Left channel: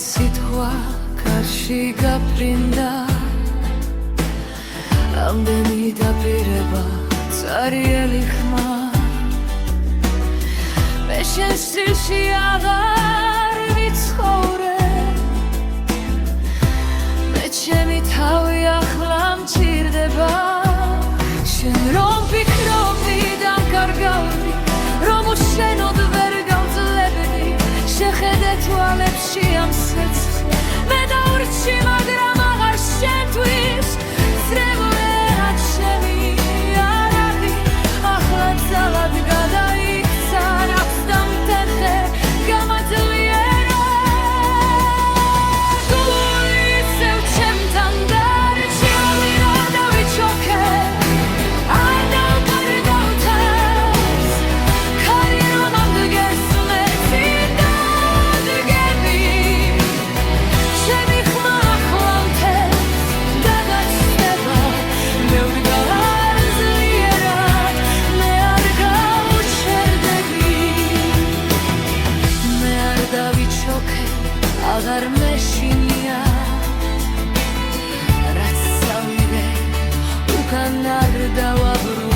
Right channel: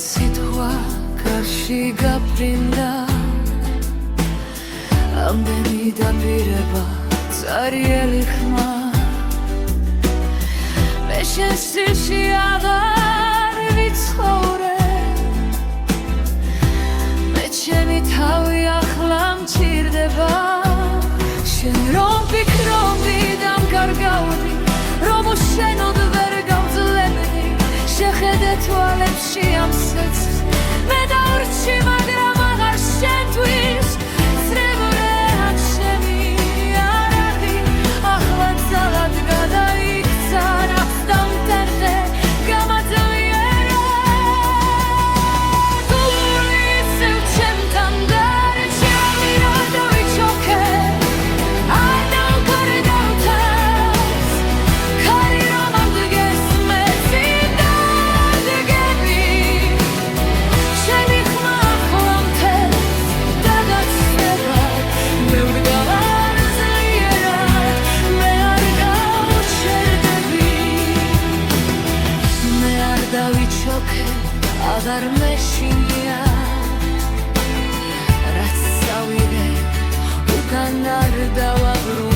სიტყვა კარში გაფრინდა ამდენი დაპირება წარიელი ხმა მე შენ სტილში აღარ ვიცხოვრე მე ჩემი თავი ახლა მჭირდება შენ რომ ფიქრობდი დამკარგავდი რომ უშენოდ ვერ გავძლებდი შეხედე თვალებში ამ სეცს მე დავრჩი მაგრამ აღარ შენთვის წრებულეა ჩემი არაღი ახლა ძალად გადაიქცა რაც დამტენხე გამაძლიერე გული ისევ ჩემთან დარჩა რა დავიჩოქე არ დავკარგავ თავს ქარი რომ ამდგეს მეცი დადგები ჩემი ხმა ახლა მთებს დაგაცდება მე ვდგარ ძლიერად მე არ გავჩერდები მე არ დავიჩოქე აღარ მეშინია რაც წავიღე უკან არ დავაბრუნე